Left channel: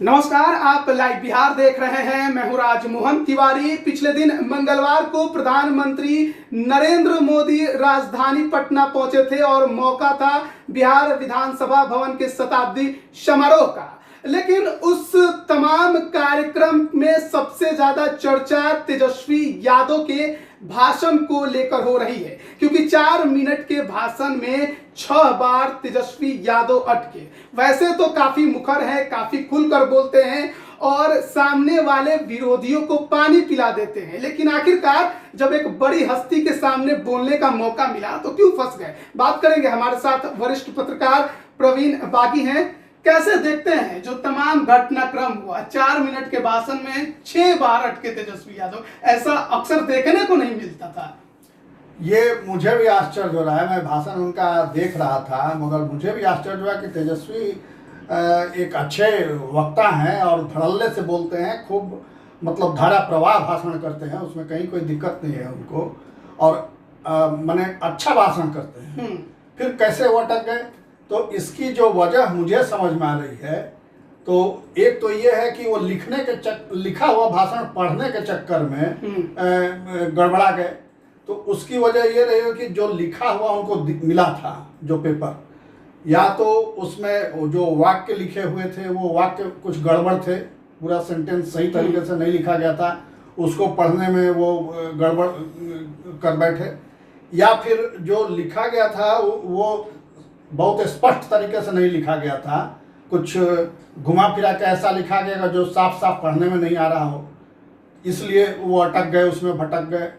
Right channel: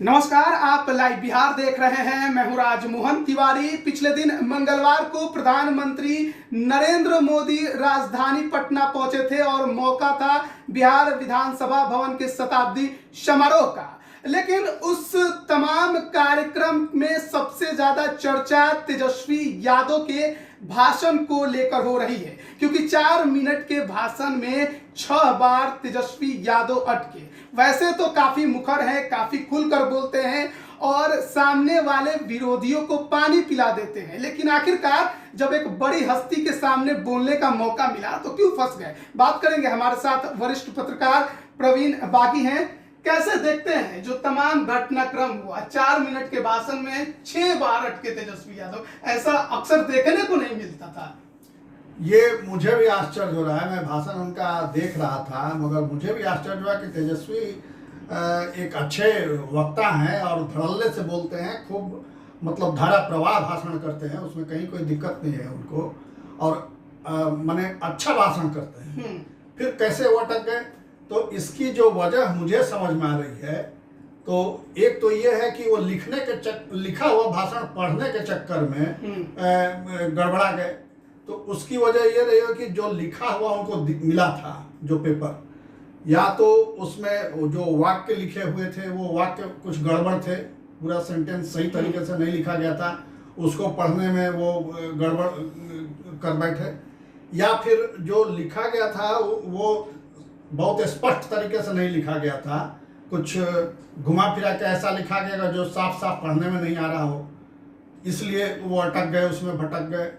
नमस्कार, आप लाइव बिहार देख रहे हैं। मैं हूं राजमोहन तिवारी। पिछले दिन मंगलवार को प्रधानमंत्री नरेंद्र मोदी राजधानी पटना पहुंचे थे और मौका था बिहार विधानसभा भवन के शताब्दी समारोह का। लेकिन उस तमाम कार्यक्रम में सबसे ज्यादा चर्चा तेजस्वी यादव के भाषण को लेकर हो रही है, क्योंकि 4 मिनट के भाषण में 6 बार तेजस्वी यादव अटके। वैसे तो काफी मुखर है, काफी खुलकर बोलते हैं और सामने वाले विरोधियों को पानी पिला देते हैं, लेकिन आखिरकार जब एक बड़ी हस्ती के सामने बोलने का मौका मिला तो क्यों फंस गए। बात करेंगे, हमारे साथ वरिष्ठ पत्रकार प्रवीण बागी हैं। कैसे देखते हैं जो तमाम घटनाक्रम हुआ, 4 मिनट के भाषण में 6 बार अटके तेजस्वी यादव, ऐसा अक्सर देखने को नहीं मिलता था। ये मुझे भी आश्चर्य हो रहा है। मैं भाषण उनका देख रहा था, मगर मुझे भी आश्चर्य हुआ कि तेजस्वी एक अच्छे वक्ता हैं और धड़ल्ले से बोलते हैं, खूब मतलब धारा प्रवाह भाषण करते हैं, उसमें कहीं कोई दिक्कत नहीं है उनको, और माने अच्छा भाषण करते हैं। फिर कैसे वो अटक गए, तो इसकी जो वजह मुझे समझ में आ रही है, तो एक तो ये है कि वो लिखा हुआ भाषण पढ़ने के चक्कर में गड़बड़ा गए। तो उसकी वजह ये रही है कि जो लिखा हुआ उनको मिला था, जो पेपर, या तो उसमें जो वाक्य लिखे हुए थे वो वाक्य कुछ गड़बड़ थे, पूरा सेंटेंस सही तरीके से नहीं लिखा गया था, उसको पढ़ने में वो गड़बड़ कर बैठे, या फिर जो लिखा गया था वो बहुत स्पष्ट तरीके से नहीं लिखा गया था, कुछ घुमा फिरा के ऐसा लिखा गया जो साफ साफ पढ़ने में नहीं आ रहा हो, इसलिए वो अटक गए, उसमें भटक गए।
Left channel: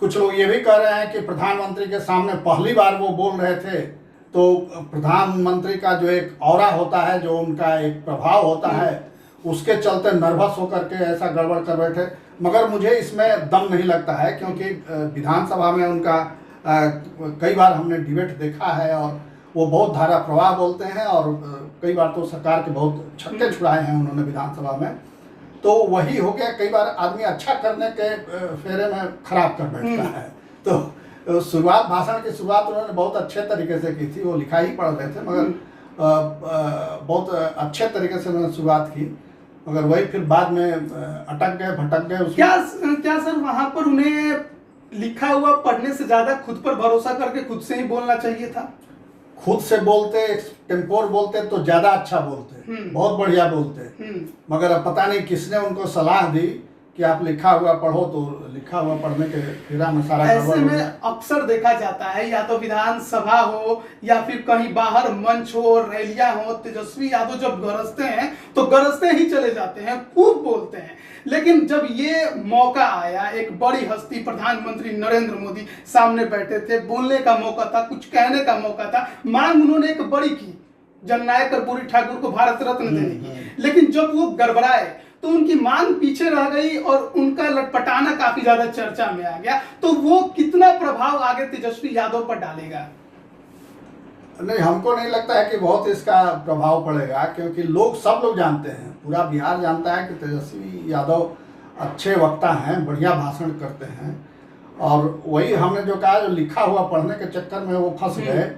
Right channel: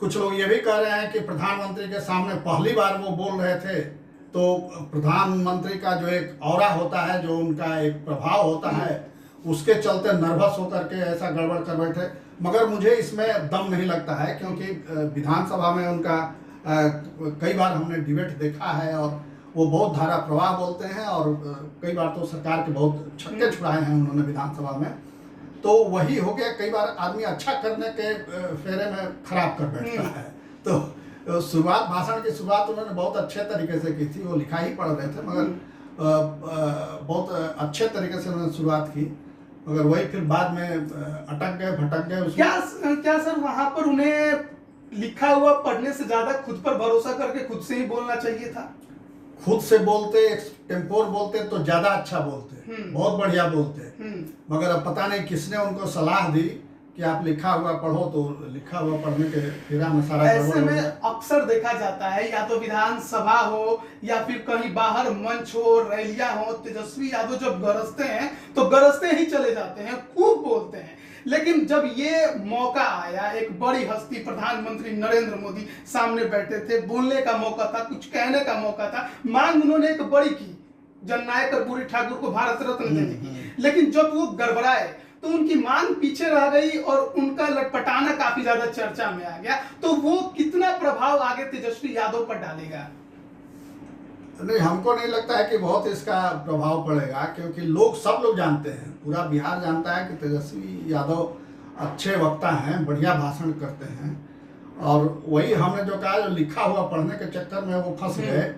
कुछ लोग ये भी कह रहे हैं कि प्रधानमंत्री के सामने पहली बार वो बोल रहे थे, तो प्रधानमंत्री का जो एक ऑरा होता है, जो उनका एक प्रभाव होता है, उसके चलते नर्वस होकर के ऐसा गड़बड़ कर बैठे। मगर मुझे इसमें दम नहीं लगता है, क्योंकि विधानसभा में उनका कई बार हमने डिबेट देखा है और वो बहुत धारा प्रवाह बोलते हैं, और कई बार तो सरकार के बहुत छक्के छुड़ाए हैं उन्होंने विधानसभा में। तो वही हो गया, कई बार आदमी अच्छा करने के फेरे में खराब कर बैठता है। तो भाषण की शुरुआत उन्होंने बहुत अच्छे तरीके से की थी, वो लिखा ही पढ़ रहे थे, मगर बहुत अच्छे तरीके से उन्होंने शुरुआत की, मगर वही फिर बाद में अटक गए, भटक गए। क्या सर वहां पर उन्हें लिखा हुआ पढ़ने से ज्यादा खुद पर भरोसा करके खुद से ही बोलना चाहिए था? खुद से बोलते, टेम्पोर बोलते तो ज्यादा अच्छा बोलते, बहुत बढ़िया बोलते। मगर अब पता नहीं किसने उनको सलाह दी कि आप लिखा हुआ पढ़ो, तो लिखा हुआ पढ़ने के फिरा में सारा ऐसे में अक्सर देखा जाता है, या तो विधानसभा हो या फिर कहीं बाहर मंच हो, रैलियां हो, तेजस्वी यादव जब गरजते हैं तो गरजते ही चले जाते हैं, खूब बोलते हैं। लेकिन जब ये मौका आया, एक बड़ी हस्ती प्रधानमंत्री नरेंद्र मोदी सामने बैठे थे, बोलने का मौका था, कुछ कहने का मौका था, मांग उन्होंने एक बड़ी की, जननायक कर्पूरी ठाकुर को भारत रत्न देने की। लेकिन जब वो गड़बड़ाए तो उनकी मांग पीछे रह गई और उनका लटपटाना काफी ज्यादा चर्चा में आ गया। तो वो कितना प्रभाव आगे तेजस्वी यादव पर डालेगा? नहीं, हमको नहीं लगता है कि बहुत इसका प्रभाव पड़ेगा, क्योंकि सब लोग जानते हैं, पूरा बिहार जानता है कि तेजस्वी यादव अच्छे वक्ता हैं, बढ़िया भाषण करते हैं। और वही हमने जो कहा, जो लिखा हुआ पढ़ने के चक्कर में वो फंस गए,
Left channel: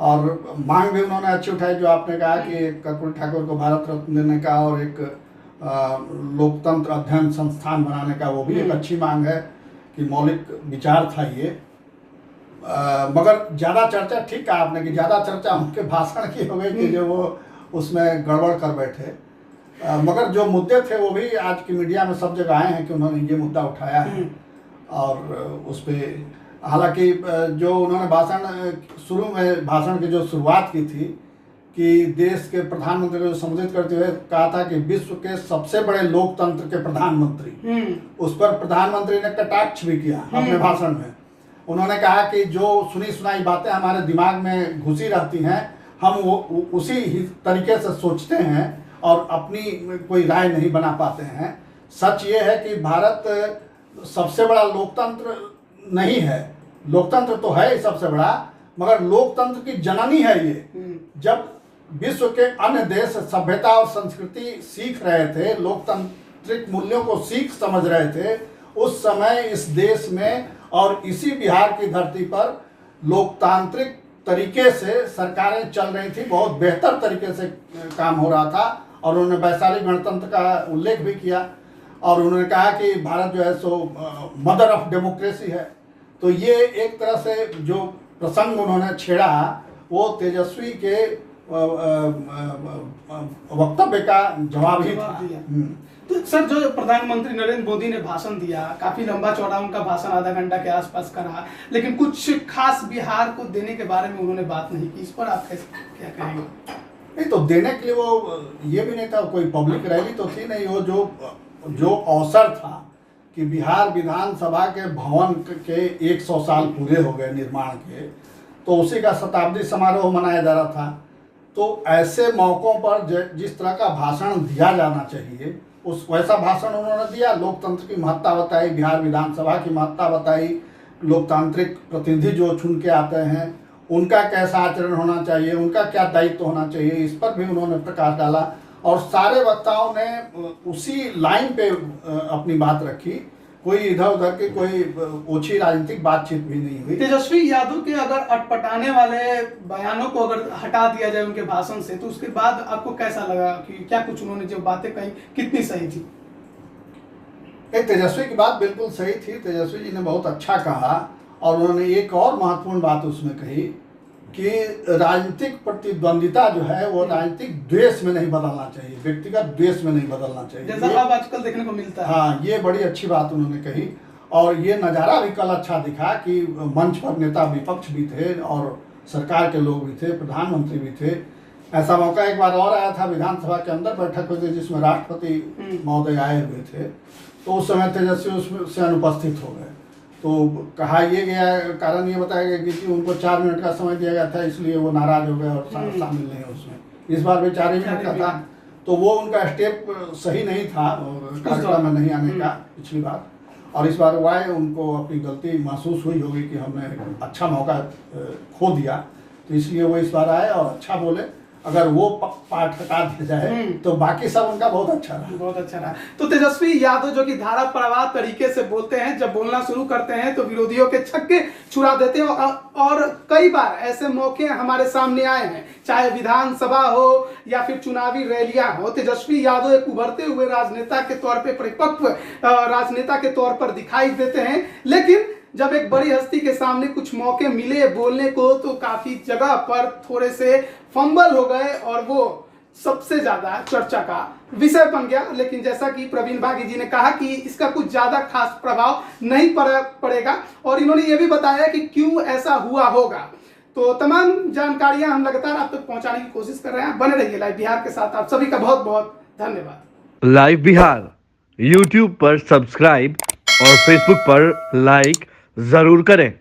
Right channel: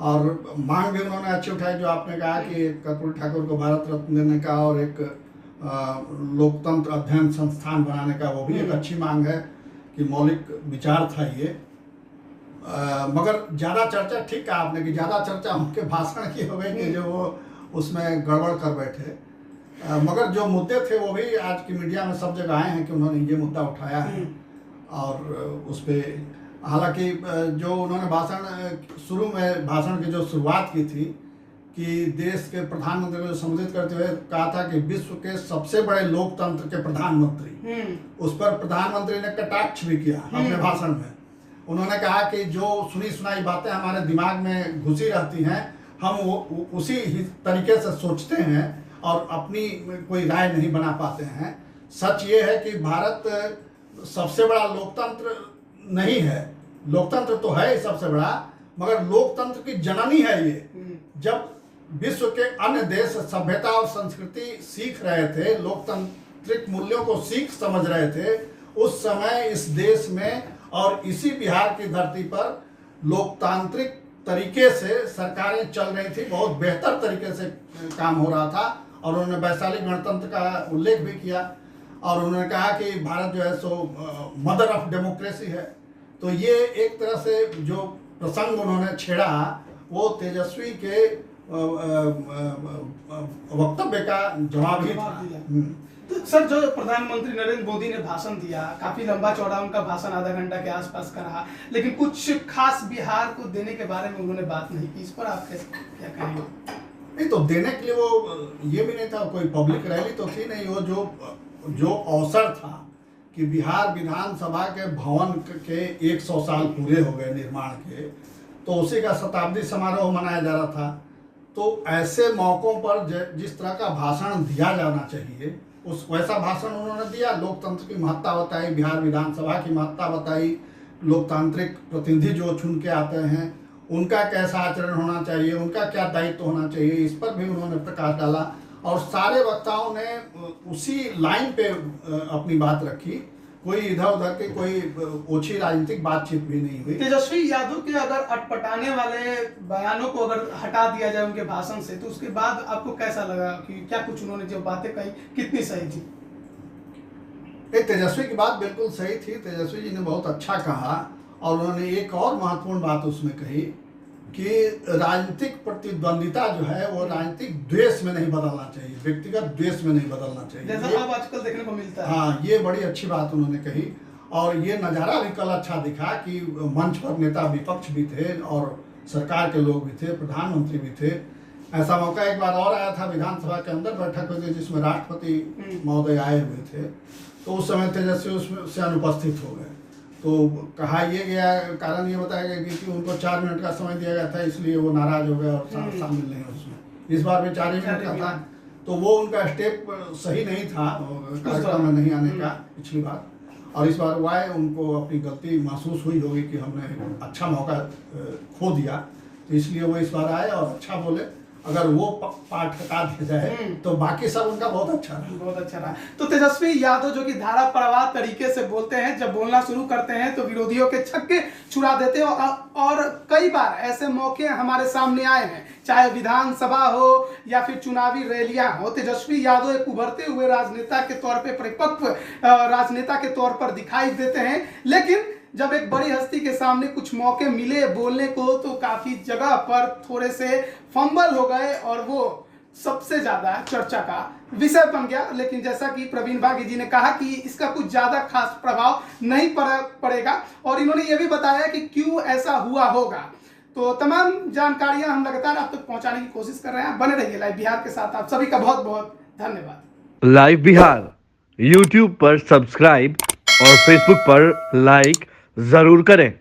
और मांग भी उन्होंने अच्छी उठाई, जो आपने कहा कि कर्पूरी ठाकुर को भारत रत्न देने का और एक लोकतंत्र अध्ययन संस्थान बनाने का, वो भी एक अच्छी मांग है, कि मौलिक विचार था ये। मगर ज़्यादा चर्चा, ठीक कहा आपने कि ज़्यादा चर्चा उनके भाषण की हो गई कि जो वो उसमें गड़बड़ कर बैठे। मगर जो मुद्दे थे वो भी आज की मीडिया में सब जगह आए हैं कि उन्होंने ये मुद्दा उठाया है, और उस पर हालांकि जो उन्होंने शुरू में भाषण की जो शुरुआत की थी, कि देश के प्रधानमंत्री को संबोधित करते हुए कहा था कि विश्व के सबसे बड़े लोकतंत्र के प्रधानमंत्री, उस पर प्रधानमंत्री ने कटाक्ष भी किया अपने भाषण में। उन्होंने कहा कि जो सुनी सुनाई बातें हमारे दिमाग में घुसी रहती हैं, हम वो उसी ही तरीके से सोचते हैं और अपनी कोई राय नहीं बना पाते हैं। सच ये है कि भारत सबसे बड़ा लोकतंत्र नहीं है, लोकतंत्र तो है ही सबसे बड़ा, मगर लोकतंत्र की जननी है ये। जब विश्व के अन्य देश सभ्यता और संस्कृति सीख रहे थे, लोकतांत्रिक मूल्यों को सीख समझ रहे थे, उस समय इस देश में और इसी बिहार की धरती पर लोकतांत्रिक तरीके से सरकारें चल रही थी, बहुत बेहतर तरीके से काम हो रहा था, और उन्होंने वैशाली गणतंत्र का उल्लेख भी किया और उन्होंने कहा कि भारत जो है सो मदर ऑफ डेमोक्रेसी है। तो ये एक तरह से जो प्रसंग उन्होंने छेड़ा वो तेजस्वी के वक्तव्य का जवाब ही था। तो सर, जो प्रधानमंत्री नरेंद्र मोदी ने भाषण दिया, काफी लंबा चौड़ा उनका भाषण, आधा घंटा के आसपास का रहा, लेकिन कुछ खास बिहार को देने के बारे में उन्होंने बात नहीं की। इस पर आप क्या कहेंगे? नहीं, तो देने के लिए वो ये भी नहीं था, कोई पब्लिक रैली तो थी नहीं। वो जो अवसर था कि बिहार विधानसभा के भवन के 100 साल पूरे हो गए निर्माण के, तो उसी का शताब्दी समारोह मनाया जा रहा था। तो ऐसे मौक़ों पर जिस तरह का भाषण दिया जाना चाहिए उस वैसा भाषण उन्होंने दिया। लोकतंत्र की महत्ता बताई, बिहार विधानसभा की महत्ता बताई, लोकतांत्रिक प्रतिनिधि जो चुन के आते हैं उनका कैसा आचरण होना चाहिए, उनका क्या दायित्व होना चाहिए, इस पर भी उन्होंने प्रकाश डाला। और सारे वक्ताओं ने उसी लाइन पे अपनी बात रखी। कोई इधर उधर की कोई ओछी राजनीतिक बातचीत भी नहीं हुई। तेजस्वी यादव के अगर अटपटाने वाले बयानों को अगर हटा दिया जाए उनके भाषण से, तो उसके बाद आपको कैसा लगा कि क्या कुछ उन्होंने जो बातें कही कितनी सही थी? तेजस्वी की बात बिल्कुल सही थी। तेजस्वी जी ने बहुत अच्छा कहा और उन्होंने एक और महत्वपूर्ण बात उसमें कही कि राजनीतिक प्रतिद्वंदिता जो है वो राजनीतिक द्वेष में नहीं बदलना चाहिए, व्यक्तिगत द्वेष में नहीं बदलना चाहिए, जैसा अब आजकल देखने को मिलता है। हाँ, ये बड़ी अच्छी बात उन्होंने कही। और ये नज़ारा भी कल अच्छा दिखा कि मंच पर नेता विपक्ष भी थे और सरकार के लोग भी थे, प्रधानमंत्री भी थे। ऐसा मौका एक बार और आया था, विधानसभा के अंदर बैठक हुई थी जिसमें राष्ट्रपति महोदय आए हुए थे, तो उस समय तेजस्वी उससे अनुपस्थित हो गए। तो कहा ये गया, कारण ये बताया गया कि उनको 4 मिनट का समय दिया गया था, इसलिए वो नाराज हो गए और शामिल नहीं उसमें। इस बार भी 4 ही मिनट का था, तो वो उनका स्टेप सही नहीं था कार्यक्रम में नहीं आने का पिछली बार। और इस बार वो आए, उनको अपनी गलती महसूस हुई होगी कि हमने अच्छा मौका खो दिया, तो इसलिए वो इस बार आए और अच्छा बोले। अगर वो पार्ट हटा दिया जाए तो बाकी सब उनका बहुत अच्छा रहा। बहुत अच्छा रहा। तो तेजस्वी यादव जो कि धारा प्रवाह तरीके से बोलते हैं, जब बोलना शुरू करते हैं तो विरोधियों के छक्के छुड़ा देते हैं। और कई बार ऐसे मौके हमारे सामने आए हैं, चाहे विधानसभा हो या फिर चुनावी रैलियां हो। तेजस्वी यादव एक उभरते हुए राजनेता के तौर पर, परिपक्व राजनेता के तौर पर दिखाई देते हैं, लेकिन जब एक बड़ी हस्ती के सामने कुछ मौके मिले बोलने को तो काफी जगह पर थोड़े से फंबल हो गए और वो सबसे ज्यादा चर्चा का विषय बन गया। लेकिन जैसा कि प्रवीण बागी जी ने कहा कि इसका कुछ ज्यादा खास प्रभाव नहीं पड़ेगा और इन्होंने ये भी बताया कि क्यों ऐसा हुआ होगा। तो तमाम जानकारियां हम लगातार आप तक पहुंचाने की कोशिश कर रहे हैं। बने रहिए लाइव बिहार के साथ। आप सभी का बहुत बहुत धन्यवाद। लाइव बिहार यूट्यूब पर सब्सक्राइब और फेसबुक पर लाइक जरूर करें।